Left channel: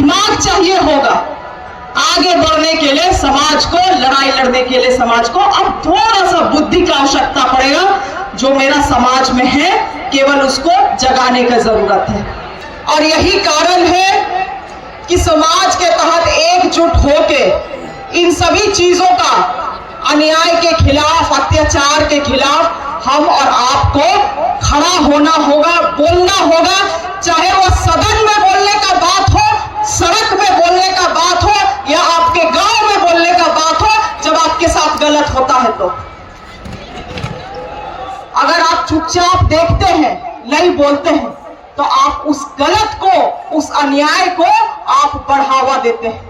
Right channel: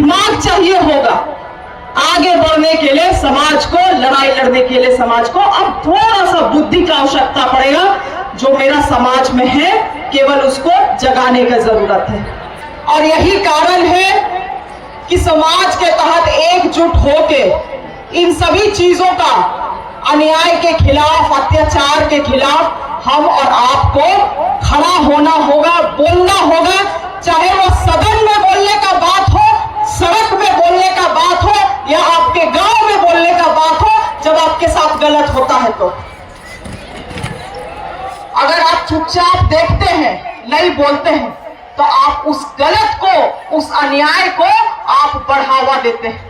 दिमाग चाहिए होगा आगे बढ़ने के लिए, समाज को, लड़ाई लड़ने के लिए समाज को। अब थोड़ा सा बुद्धि का आवश्यकता पड़ेगा, जो मेरा समाज में है केवल उसको जगाने का जरूरत है। और यही कारण है कि समाज के तहत एकजुट होके इन सभी चीजों का, अन्याय के खिलाफ, अत्याचार के खिलाफ हम और आपको खड़ा होना होगा, बोलना होगा। चाहे वो सदन में बोलने का बात हो, सड़क में बोलने का बात हो, या आपके गांव में बोलने का बात हो, जब आपके साथ गलत होता है तो। अगर आप चुपचाप देखते हैं, नहीं बोलते हैं, तो आप उस गलत को, उस अन्याय को आप बढ़ावा देते हैं।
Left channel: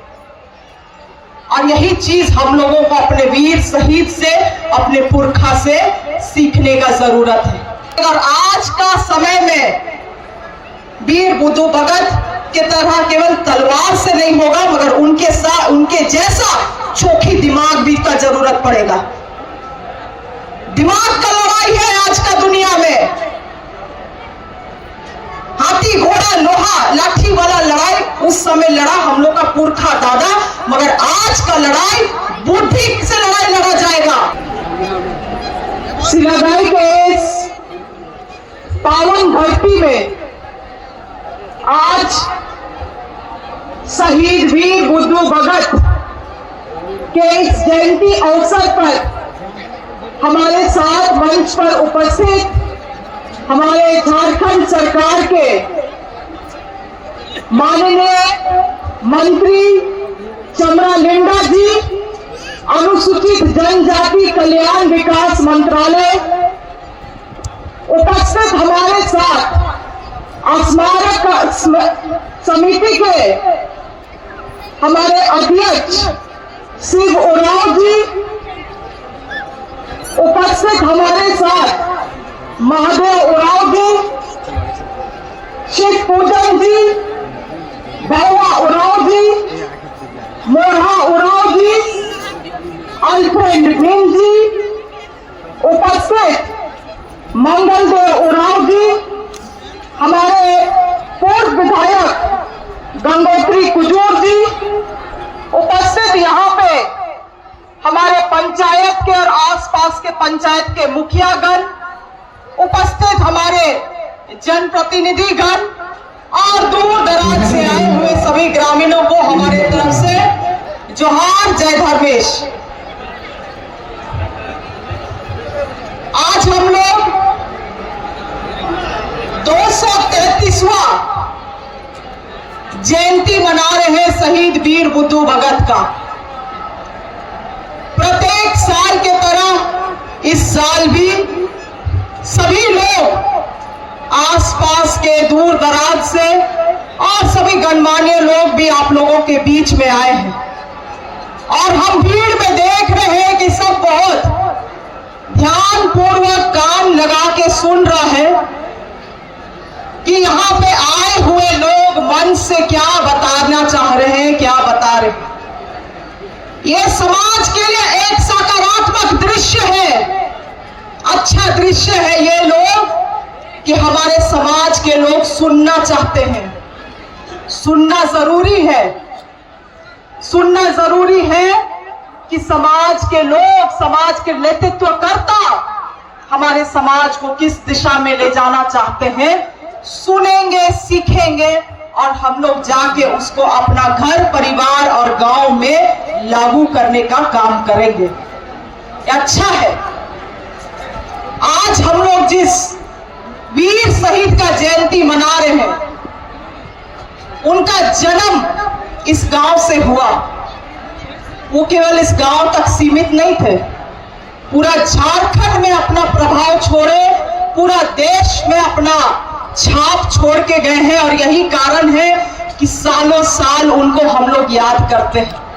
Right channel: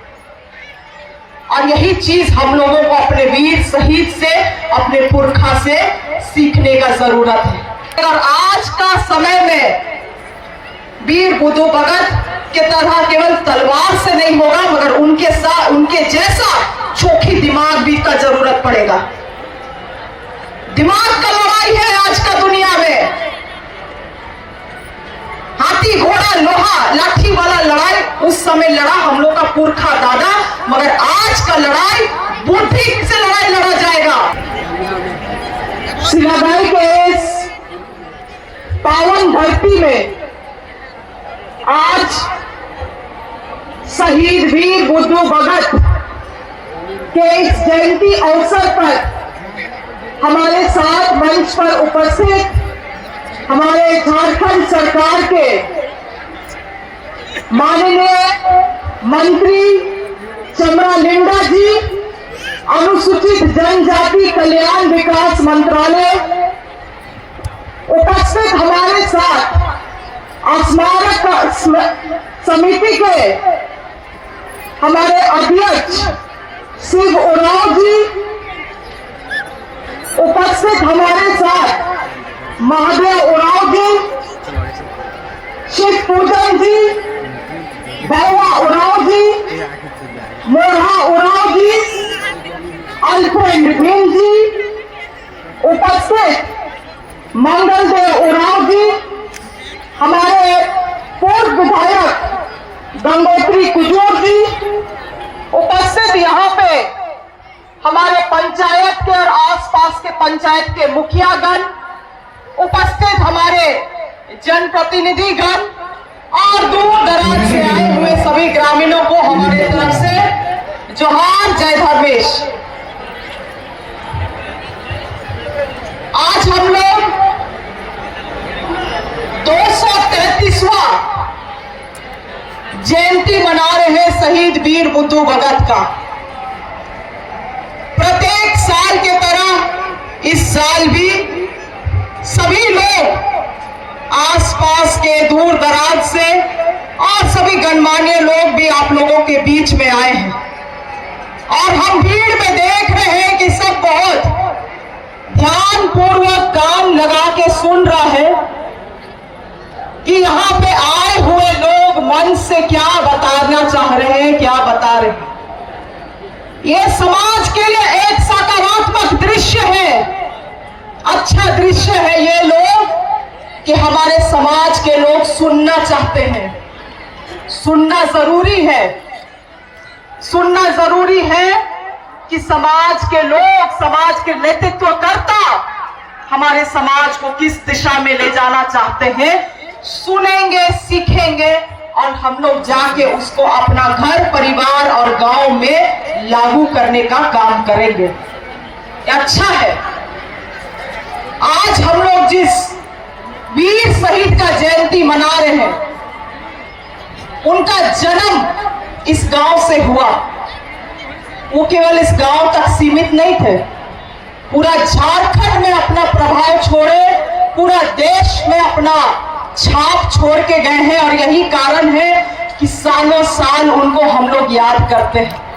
और यही चीज हम लोगों को अपने वीर शहीद से, अपने पुरखा से सीखने का जरूरत है। अगर आज का समय में वीर बुद्धू भगत के तरह केवल तलवार से नहीं होगा, मगर उनके साथ, उनके जैसा चोखी दिमाग भी का जरूरत पड़ेगा। दिमाग का लड़ाई है आज का दुनिया में। हाथी घोड़ा लोहा लाठी वाला लड़ाई उस समय लड़ा हम लोग का पुरखा दादा, मगर आज का लड़ाई बुद्धि से लड़ाई लड़ा जाएगा। शीलाबाई के इस पावन धरती में आज शहीद वीर बुद्धू भगत के इस जयंती अवसर पर हमारे साथ मंच पर उपस्थित हमारे झारखंड सरकार के माननीय मंत्री चमरा लिंडा जी, अनुसूचित जनजाति कल्याण विकास मंत्रालय, उपस्थित हमारे साथ स्मारक समिति के हमारे अध्यक्ष शिव उरांव जी, उपस्थित हमारे साथ महादेव उरांव जी, शिव पूजन जी, भैया उरांव जी, मोढ़ा उरांव जी, अल्फ्रेड भीम जी, उपस्थित मंगल देव उरांव जी, हमारे पूर्व विधायक गंगोत्री कुजूर जी, उपस्थित यहाँ पे हमारे पंचायत के और आसपास के पंचायत के मुखियागण, उपस्थित हमारे जनप्रतिनिधिगण और दूर दराज से आए हुए सभी ग्रामीणों को हमारे तरफ से जोहार, जय धर्मेश। आज हम लोग 233वां जयंती मना रहे हैं शहीद वीर बुद्धू भगत का। प्रत्येक साल के तरह इस साल भी सभी लोग आसपास के दूर दराज से और सभी गणमान्य लोग भी आप लोगों के बीच में आए हैं, और हम भीड़ में देख रहे हैं कि सब बहुत ध्यान पूर्वक कान लगा के सुन रहा है कि यहाँ पे आए हुए लोग मन से क्या बताना चाह रहे हैं, क्या बता रहे हैं। ये समाज के लिए एक सकारात्मक दृश्य है, अच्छा दृश्य है ये लोग, कि हमारे समाज के लोग सुनना चाहते हैं। सुनना जरूरी है, सुनना जरूरी है कि समाज के लोग, समाज के नेतृत्वकर्ता हमारे समाज को किस दिशा में ले जाना चाहते हैं, सुनेंगे, सीखेंगे, और हम लोग जाके उसको अपना घर, परिवार और गांव में लागू करने का काम करेंगे। अच्छा है, आज हम लोग जिस वीर शहीद का जयंती मना रहे हैं, उनका जन्म इस गांव से हुआ। वो केवल इस गांव तक सीमित नहीं थे, पूरा झारखंड में अपना प्रभाव छोड़े, पूरा देश में अपना छाप छोड़ के गए हैं। और यही कारण है कि सालों साल उनको हम लोग याद करते हैं।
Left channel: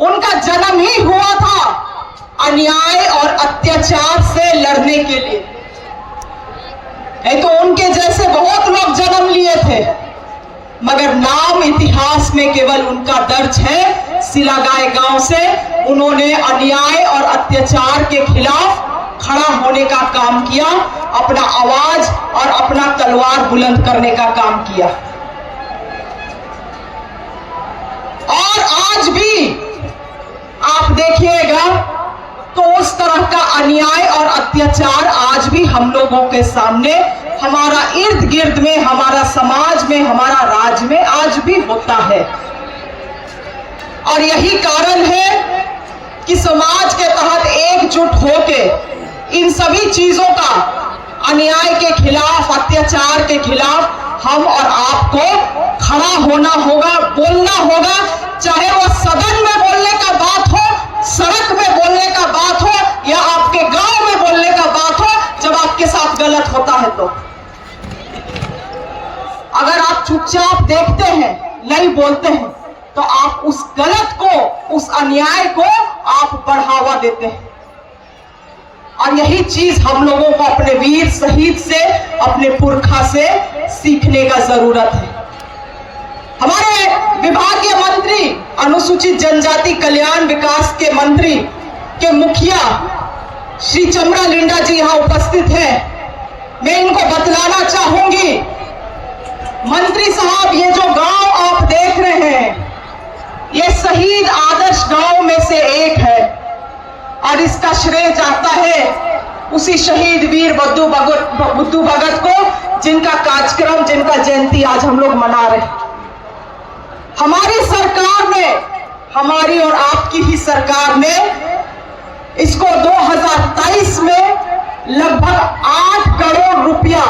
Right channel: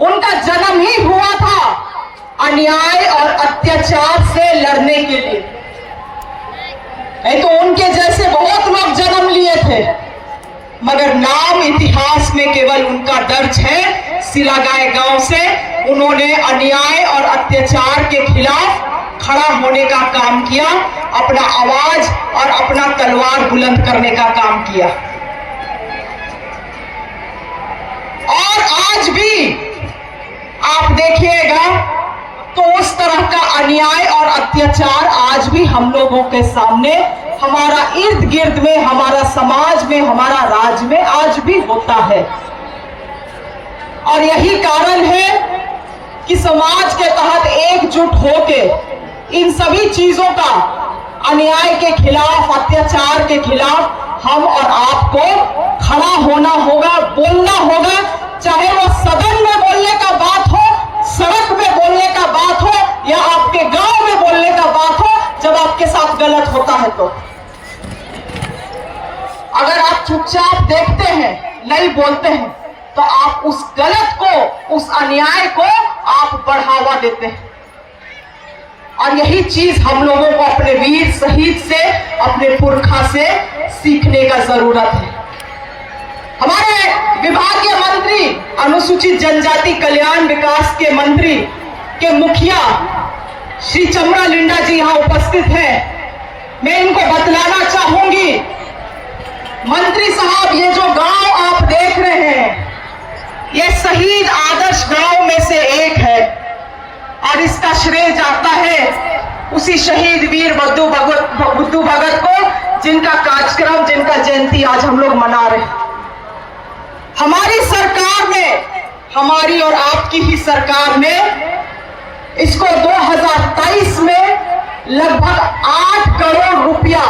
उनका जन्म ही हुआ था अन्याय और अत्याचार से लड़ने के लिए। तो उनके जैसे बहुत लोग जन्म लिए थे, मगर नाम इतिहास में केवल उनका दर्ज है। सिलागाय गांव से उन्होंने अन्याय और अत्याचार के खिलाफ खड़ा होने का काम किया, अपना आवाज और अपना तलवार बुलंद करने का काम किया। और आज भी आप देखिएगा तो उस तरह का अन्याय और अत्याचार आज भी हम लोगों के सामने, हमारा इर्द गिर्द में, हमारा समाज में, हमारा राज्य में आज भी होता है। और यही कारण है कि समाज के तहत एकजुट होके इन सभी चीजों का, अन्याय के खिलाफ, अत्याचार के खिलाफ हम और आपको खड़ा होना होगा, बोलना होगा, चाहे वो सदन में बोलने का बात हो, सड़क में बोलने का बात हो, या आपके गांव में बोलने का बात हो जब आपके साथ गलत होता है। तो अगर आप चुपचाप देखते हैं, नहीं बोलते हैं, तो आप उस गलत को, उस अन्याय को आप बढ़ावा देते हैं। और यही चीज हम लोगों को अपने वीर शहीद से, अपने पुरखा से सीखने का जरूरत है। हमारे विभागीय मंत्री, अनुसूचित जनजाति कल्याण विकास के मंत्री के मुखिया श्री चमरा लिंडा जी यहाँ उपस्थित हैं। मैं इनको बतलाना चाहूंगी, मंत्री साहब, ये जो गांव आप देख रहे हैं, ये शहीद आदर्श गांव में से एक है और इसका श्रेय जाता है उसी शहीद वीर बुद्धू भगत को, जिनका कार्यक्रम, जिनका जयंती आज हम लोग मना रहे हैं। हमारी सरकार ने, हमारी और आपकी ही सरकार ने इसको 2023 में लगभग 8 करोड़ रुपया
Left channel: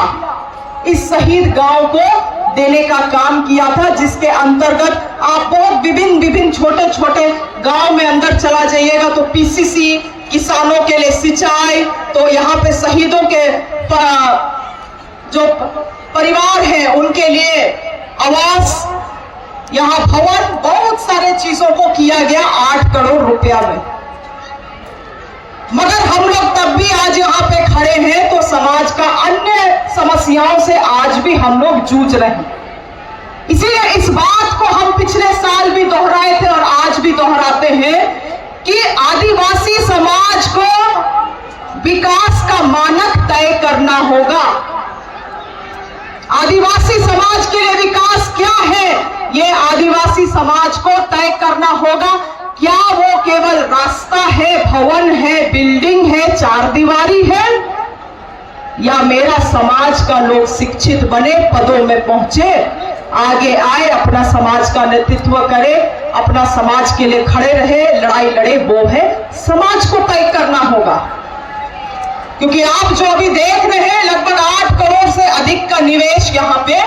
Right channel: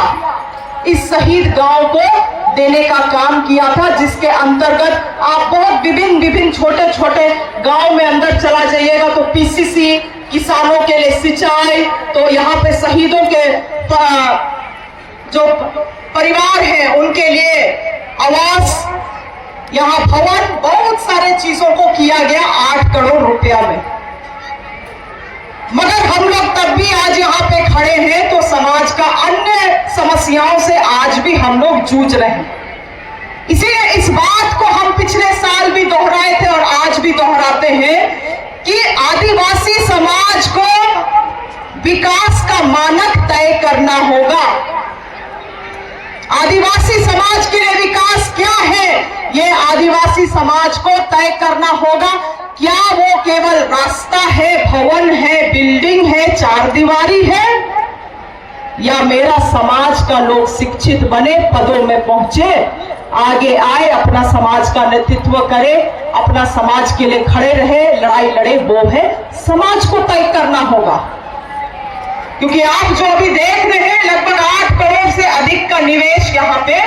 इस शहीद गांव को देने का काम किया था, जिसके अंतर्गत आप बहुत विभिन्न छोटे छोटे गांव में अंदर चला जाइएगा तो पीसीसी, किसानों के लिए सिंचाई, तो यहाँ पे शहीदों के जो परिवार हैं उनके लिए आवास, यहाँ भवन, बहुत सारे चीजों को किया गया 8 करोड़ रुपया में। मगर हम लोग तब भी आज यहाँ पे खड़े हैं तो समाज का अन्य समस्याओं से आज भी हम लोग जूझ रहे हैं। इसीलिए इस बात को हम पिछले साल भी दोहराए थे और आज भी दोहराते हैं कि आदिवासी समाज को विकास का मानक तय करना होगा। आदिवासी समाज के लिए विकास क्या है, ये आदिवासी समाज को तय करना होगा। क्या वो केवल रास्ता है, भवन है, बिल्डिंग है, चार दीवारी है, या मेरा समाज का लोग शिक्षित बने, पदों में पहुंचे, आगे आए, अपना समाज का नेतृत्व करे, अपना समाज के लिए खड़े रहे, लड़ाई लड़े, वो है समाज को तय करना होगा। क्योंकि आप जो अभी देख रहे हैं, लगभग 8 करोड़ से अधिक का निवेश यहाँ पे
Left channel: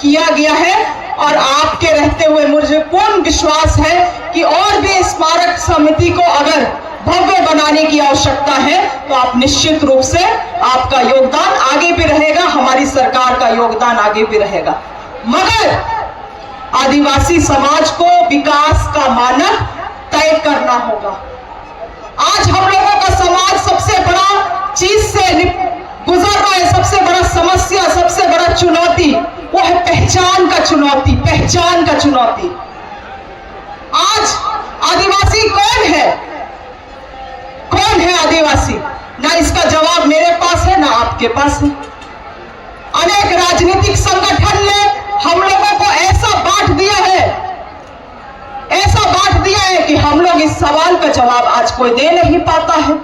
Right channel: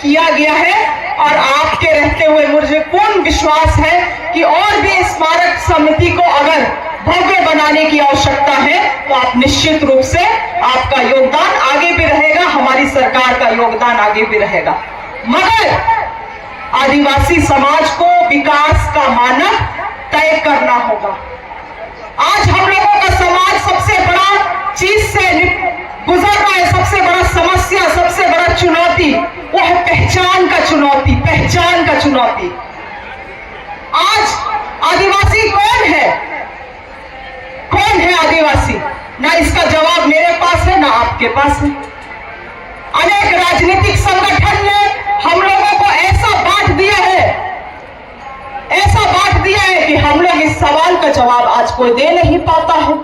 किया गया है और आपके रहते हुए मुझे पूर्ण विश्वास है कि और भी स्मारक समिति को अगर भव्य बनाने की आवश्यकता है तो आप निश्चित रूप से, आपका योगदान आगे भी रहेगा, हमारी सरकार का योगदान आगे भी रहेगा। मगर आदिवासी समाज को विकास का मानक तय करना होगा। आज हम लोगों का समाज सबसे बड़ा चीज से गुजर रहा है, सबसे बड़ा समस्या, सबसे बड़ा चुनौती वो है पहचान का चुनौती, पहचान का चुनौती। आज आदिवासी कौन है, कौन है आदिवासी, ना इसका जवाब मेरे पास है ना आपके पास है। अनेक राजनीतिक संगठन ने हम लोगों को ऐसा बांट दिया है, ऐसा बांट दिया है कि हम लोग इस सवाल का जवाब आज कोई दे नहीं पाता है।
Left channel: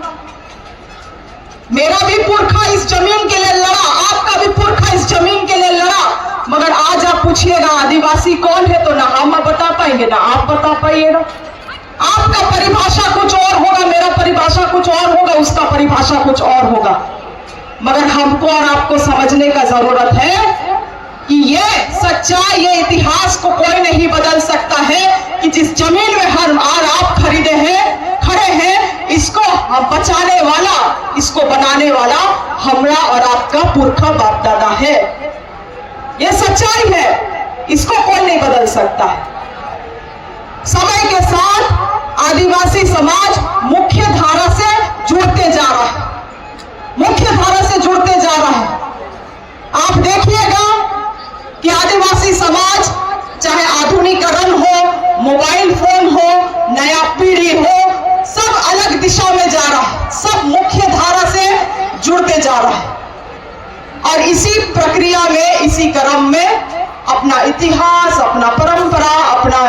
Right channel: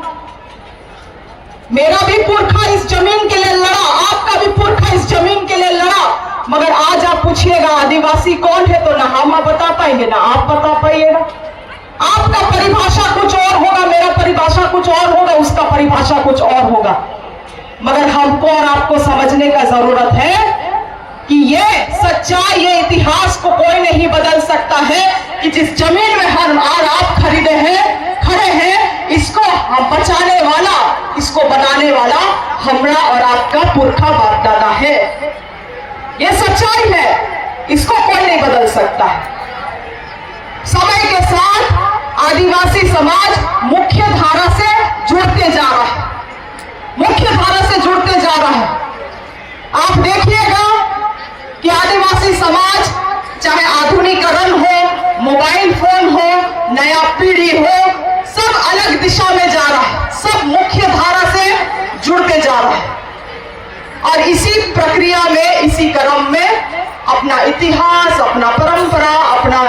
मेरा भी पुरखा इस जमीन के लिए लड़ा, आपका भी पुरखा इस जमीन के लिए लड़ा, मगर आज आप पूछिएगा आदिवासी कौन है तो ना हम बता पाएंगे ना आप बता पाइएगा। आपका परिभाषा कुछ और होगा, मेरा परिभाषा कुछ और होगा, उसका परिभाषा कुछ और होगा। मगर हमको और आपको समझने का जरूरत है कि ये सच्चाई, ये इतिहास को कोई नहीं बदल सकता है कि जिस जमीन में हम आज आप खरीदे हैं, खड़े हैं, इसको हम बचाने वाला, इसको बनाने वाला हमरा और आपका पुरखा बाप दादा है। ये सच्चाई है, इसको कोई नहीं बदल सकता है। समय के साथ आदिवासी समाज मुख्य धारा से जुड़ते जा रहा है, मुख्य धारा से जुड़ते जा रहा है। आप देखिएगा कि आदिवासी समाज चाहे आधुनिकीकरण हो, मोबाइल फोन हो, नया पीढ़ी हो, सब अलग दिशा में जा रहा है, सब मुख्य धारा से जुड़ते जा रहा है। और इसी प्रक्रिया में, इसी क्रम में अपना इतिहास, अपना परंपरा, अपना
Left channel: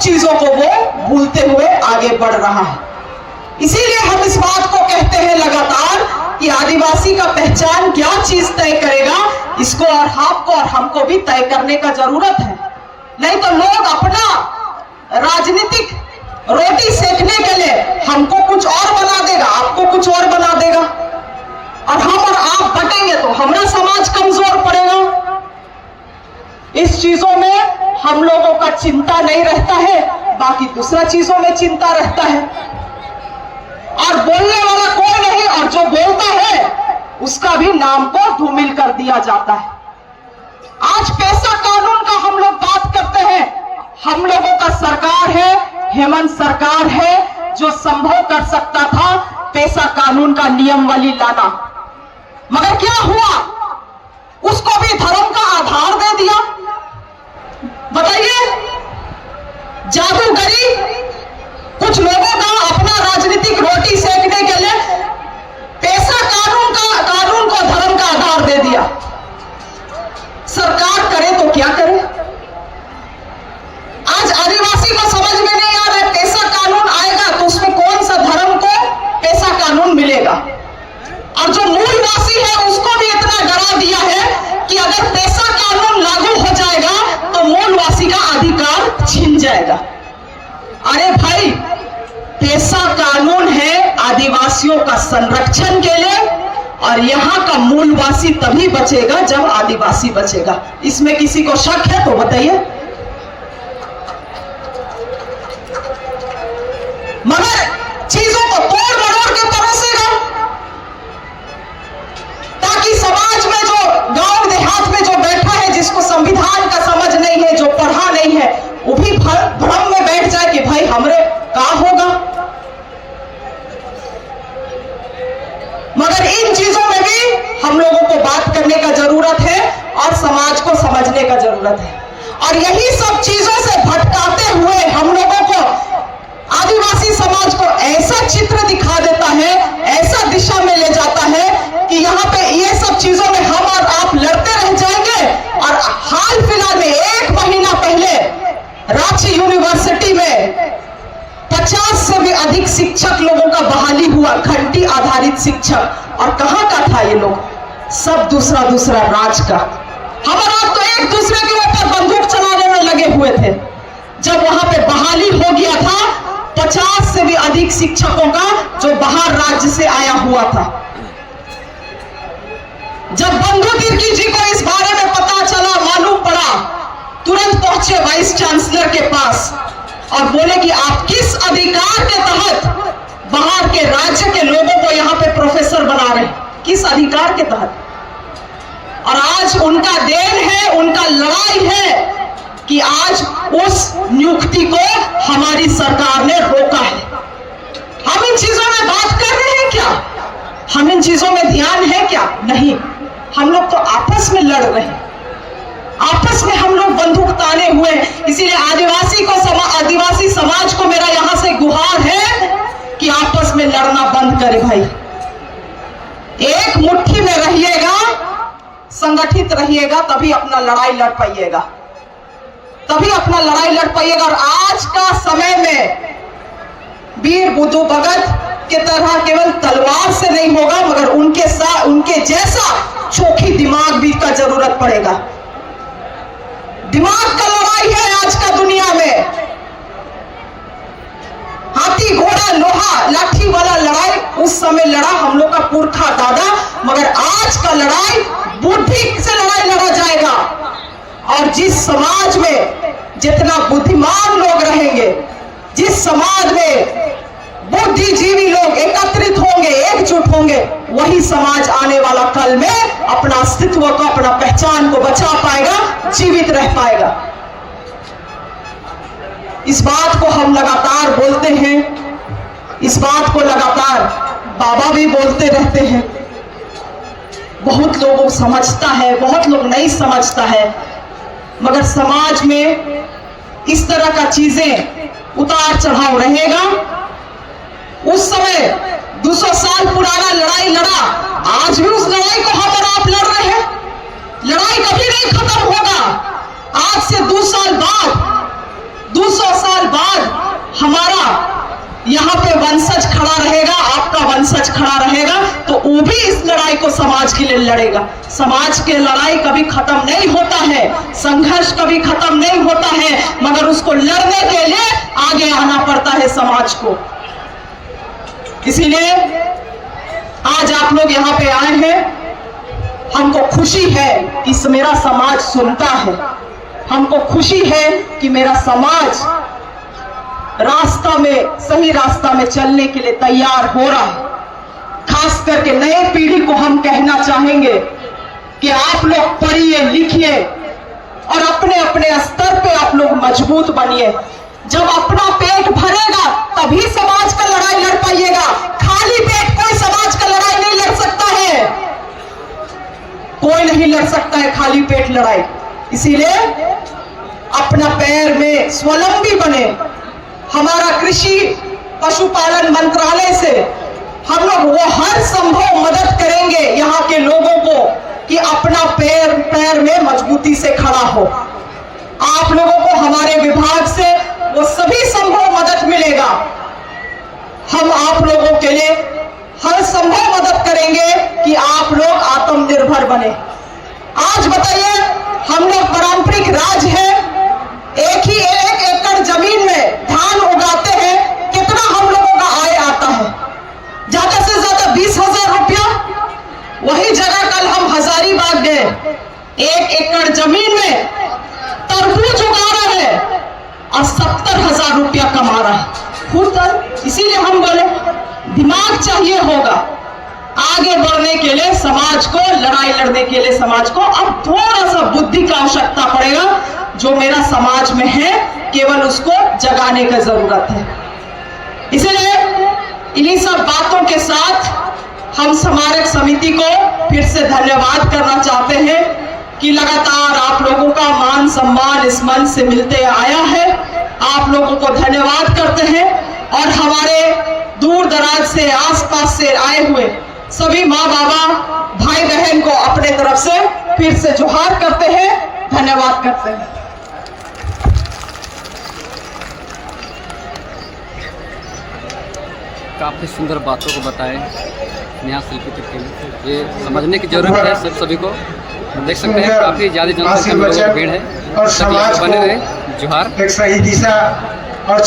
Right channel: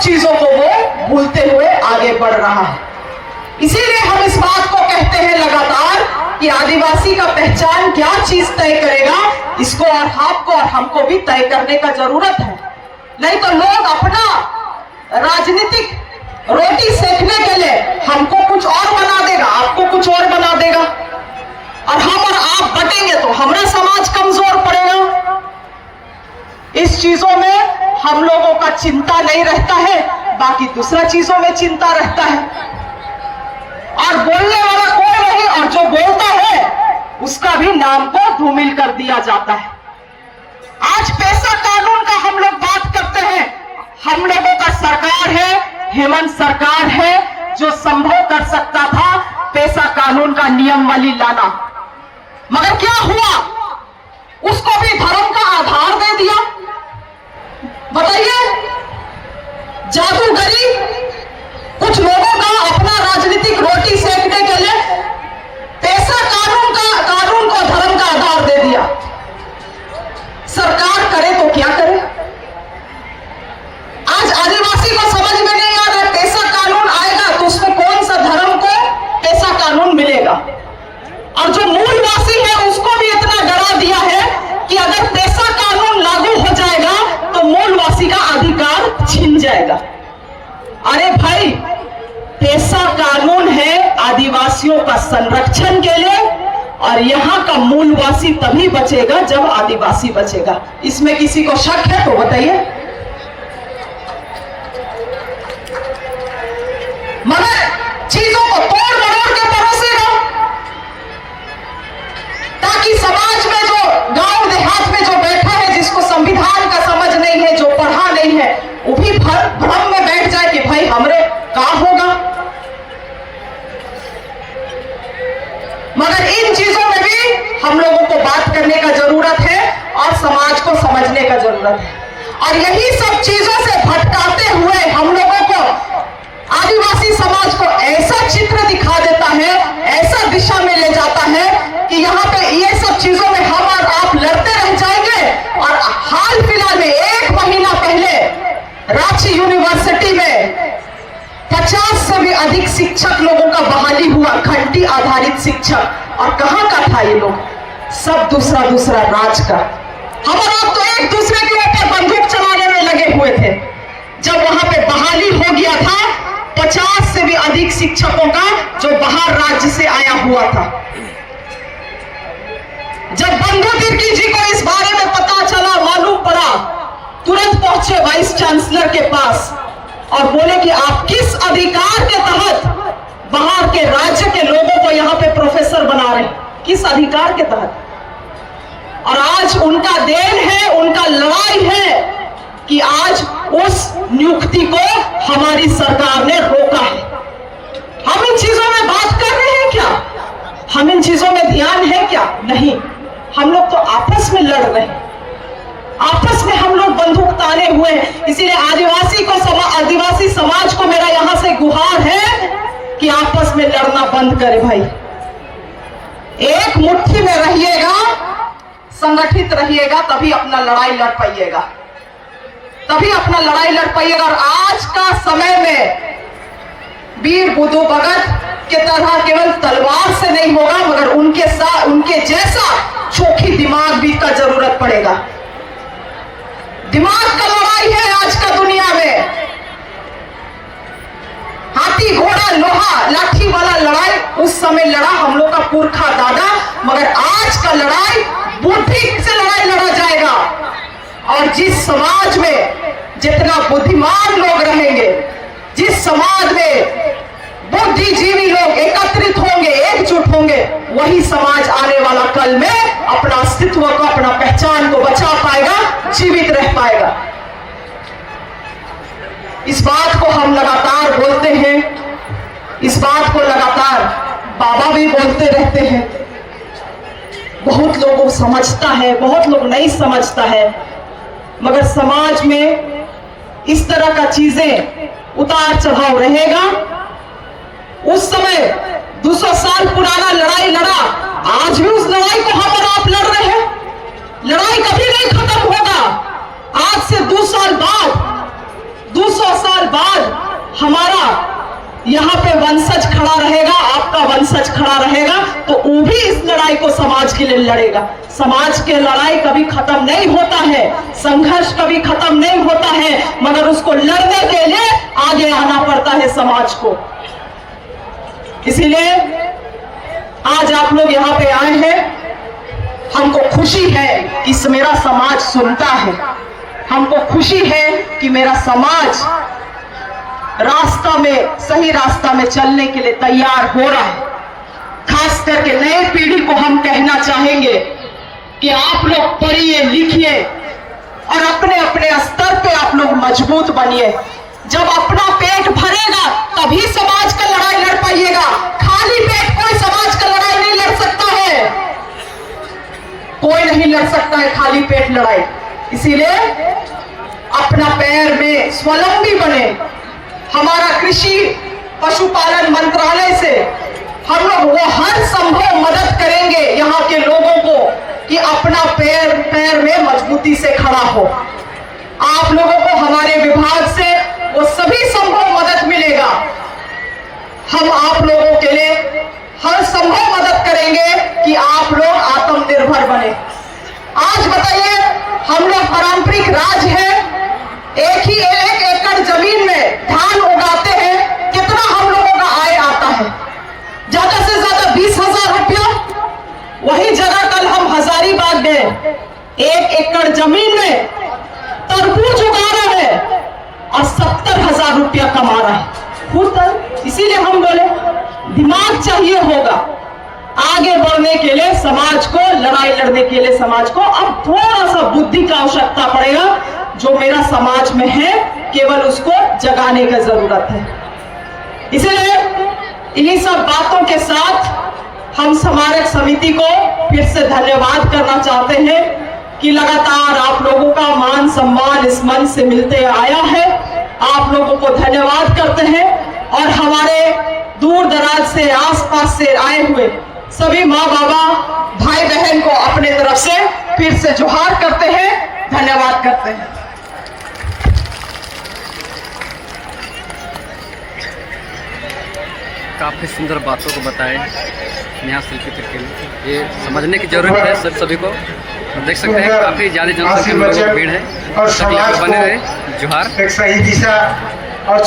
चीजों को वो भूलते हुए आगे बढ़ रहा है। इसीलिए हम इस बात को कहते हैं लगातार कि आदिवासी का पहचान क्या चीज तय करेगा, इसको और आपको और हमको भी तय करने का जरूरत है। नहीं तो लोग अपना राजनीतिक रोटी सेकने के लिए हमको कुछ और बना देगा, आपको कुछ और बना देगा, और हम और आप बटेंगे तो हमारा समाज कमजोर पड़ेगा। इस चीजों में हम लोगों का चिंता नहीं रहता है, बाकी दूसरा चीजों में चिंता रहता है। और बोलने वाला कोई नहीं, और जो बोलता है उसका भी नाम को धूमिल कर दिया जाता है। आज पैसा कानून का हम लोग बात करते हैं। हम लोगों का सरकार है, हेमंत सरकार है, जो संभव कर सकता था पैसा कानून का नियमावली लाना, मगर क्या हुआ? उसको भी धर्म का आधार दे दिया। बताइए, जादूगरी कुछ लोगों का अपना राजनीतिक रोटी सेकने के लिए पैसा कानून को धर्म का आधार दे दिया। सरकार करे तो क्या करे? आज आदिवासी को समझ में नहीं आ रहा है, पैसा कानून आएगा तो उसमें कौन सा धर्म को पैसा कानून मिलेगा, और जो मूलवासी है उसको भी इतना डरा दिया है कि अगर पैसा कानून लागू हो जाएगा तो मूलवासी का अधिकार छीन जाएगा। अरे भाई, पैसा कानून है आदिवासियों का संरक्षण के लिए, और यहाँ का मूलवासी तभी बचेगा जब आदिवासी बचेगा। इसमें किसी को शक है तो बताइए। मगर चीजों को तोड़ मरोड़ के परोसेगा, ताकि समाज में जो गांव देहात में जो बैठा है, जिसको संविधान का समझ नहीं है, जो पढ़ा नहीं है, वो भी भ्रम में बैठ जाए कि भाई हमरे क्या होगा। मगर इन चीजों में भी हम लोगों को बात करने का जरूरत है और समाज को समझने का जरूरत है। और यही सब चीजों से भटकाते हुए हम लोगों को आदिवासी समाज को ऐसा चित्र दिखा देता है, ऐसा दिशा में ले जाता है कि यहाँ पे ये सब चीजों में हम और आप लड़ते रह जाएंगे। और हाल फिलहाल में 1 महीना पहले रांची यूनिवर्सिटी में 50 से भी अधिक शिक्षक लोगों का बहाली हुआ, घंटी आधारित शिक्षक। और कहां का था ये लोग? सब दूसरा राज का। हमारा आप तो एक दूसरे के ऊपर बंदूक चलाने में लगे हुए थे। जब वहां पे बहाली हो गया था 50 से भी अधिक शिक्षकों का, जो बाहर राज्य से आया हुआ था, जब बंधु तिर्की जी को इस बारे में पता चला, मालूम पड़ा, तुरंत पहुंचे वाइस चांसलर के पास और बोले कि आप किस अधिकार के तहत बाहर के राज्य के लोगों को यहाँ पे प्रोफेसर बना रहे हैं, किस अधिकार के तहत? और आज उनका देन है, उनका लड़ाई है कि आज उस नियुक्ति को हमारी सरकार ने रोका है। हम इन चीजों में बात कर रहे हैं क्या? हम इन चीजों में ध्यान है क्या? नहीं। हम लोग तो आपस में लड़ रहे हैं, आपस में हम लोग बंदूक ताने हुए। इसीलिए आदिवासी समाज को मेरा यहां से गुहार है कि आपस में लड़ना बंद करे भाई। एक मुट्ठी में रहिएगा, संगठित रहिएगा, तभी अपना लड़ाई लड़ पाइएगा, तभी अपना लड़ाई लड़ पाइएगा। और आज का समय में वीर बुद्धू भगत के तरह केवल तलवार से नहीं होगा, मगर उनके साथ उनके जैसा चोखी दिमाग भी का जरूरत पड़ेगा। दिमाग का लड़ाई है आज का दुनिया में। हाथी घोड़ा लोहा लाठी वाला लड़ाई उस समय लड़ा हम लोग का पुरखा दादा, मगर आज का लड़ाई बुद्धि से लड़ाई लड़ा जाएगा। और जिस समाज में जितना बुद्धिमान लोग रहेंगे, जिस समाज में बुद्धिजीवी लोग एकत्रित होंगे, एकजुट होंगे, वही समाज आने वाला कल में अपना अस्तित्व को, अपना पहचान को बचा पाएगा, जीवित रह पाएगा। इस बात को हम लगातार बोलते हैं, इस बात को लगातार बाबा भी बोलते रहते हैं। बहुत लोगों को समझता है, बहुत लोग नहीं समझता है, मगर समाज में इस तरह का चीजें उतार चढ़ाव रहेगा। उस समय 200 साल पुराना लड़ाई लड़ा, आज भी उस लड़ाई को हम और आप लड़ रहे हैं। लड़ाई कभी नहीं खत्म होगा। आज से 200 साल बाद यहाँ पे वंशज खड़ा रहेगा, आपका वंशज खड़ा रहेगा, तो वो भी इस लड़ाई को समाज के लिए लड़ेगा। समाज की लड़ाई कभी खत्म नहीं होता है, संघर्ष कभी खत्म नहीं होता है, मगर उसको लड़ने के लिए आगे आना पड़ता है समाज को। इसीलिए आज आप लोग यहाँ पे आए हैं, हमको खुशी है कि मेरा समाज सुनता है, हमको खुशी है कि मेरा समाज रास्ता में, सही रास्ता में चलने के लिए तैयार हो रहा है। खास करके नए पीढ़ी को हम कहना चाहेंगे कि आप लोग पढ़िए लिखिए और अपने अपने स्तर पे आप लोग मजबूत बनिए। जब अपना पेट भरेगा तभी समाज का लड़ाई लड़ पाइएगा। खाली पेट कोई समाज का लड़ाई नहीं लड़ सकता है, कोई नहीं लड़ सकता है खाली पेट लड़ाई। इसीलिए अपना पैर में स्वावलंबी बने। हमारा कृषि पशुपालन मंत्रालय से हम लोग वो हर संभव मदद करेंगे यहाँ के लोगों को कि अपना पैर में मजबूती से खड़ा हो। आप लोगों को हमारे विभाग से वो सभी संभव मदद मिलेगा। हम आप लोगों के लिए हर संभव मदद करेंगे कि आप लोग आत्मनिर्भर बने। आज बताइए, हम लोग पारंपरिक राज है, एक एकड़ जमीन में धान उगाते हैं, कितना हम लोगों का आय आता है? ज्यादा से ज्यादा 20,000 रुपया। वही जगह कल हम हजारीबाग गए, 1 एकड़ जमीन में तरबूज उगा रहे हैं और 70,000 रुपया कमा रहा है खुद। इसीलिए हम बोले दिमाग चाहिए होगा आगे बढ़ने के लिए, समाज को लड़ाई लड़ने के लिए समाज को अब थोड़ा सा बुद्धि का आवश्यकता पड़ेगा। जो मेरा समाज में है केवल उसको जगाने का जरूरत है। इसलिए इन्हीं सब बातों के साथ हम स्मारक समिति को फिर से धन्यवाद करना चाहते हैं कि लगातार आप लोगों का मान सम्मान इस मंच से मिलते आया है। आप लोगों को धन्यवाद करते हैं और हमारे दूर दराज से, आसपास से आए हुए सभी माँ बाबा भाई बहन को अपने तरफ से फिर से जोहार करते हैं, धन्यवाद करते हैं। काफ़ी सुंदर बातों को बताए नेहा शिल्पी के लिए, ये समझने की जरूरत है सभी को। देख सकते हैं काफ़ी ज़्यादा जनसंख्या में लोगों की भीड़ है। तक बने रहे, जोहार। एक सही दिशा और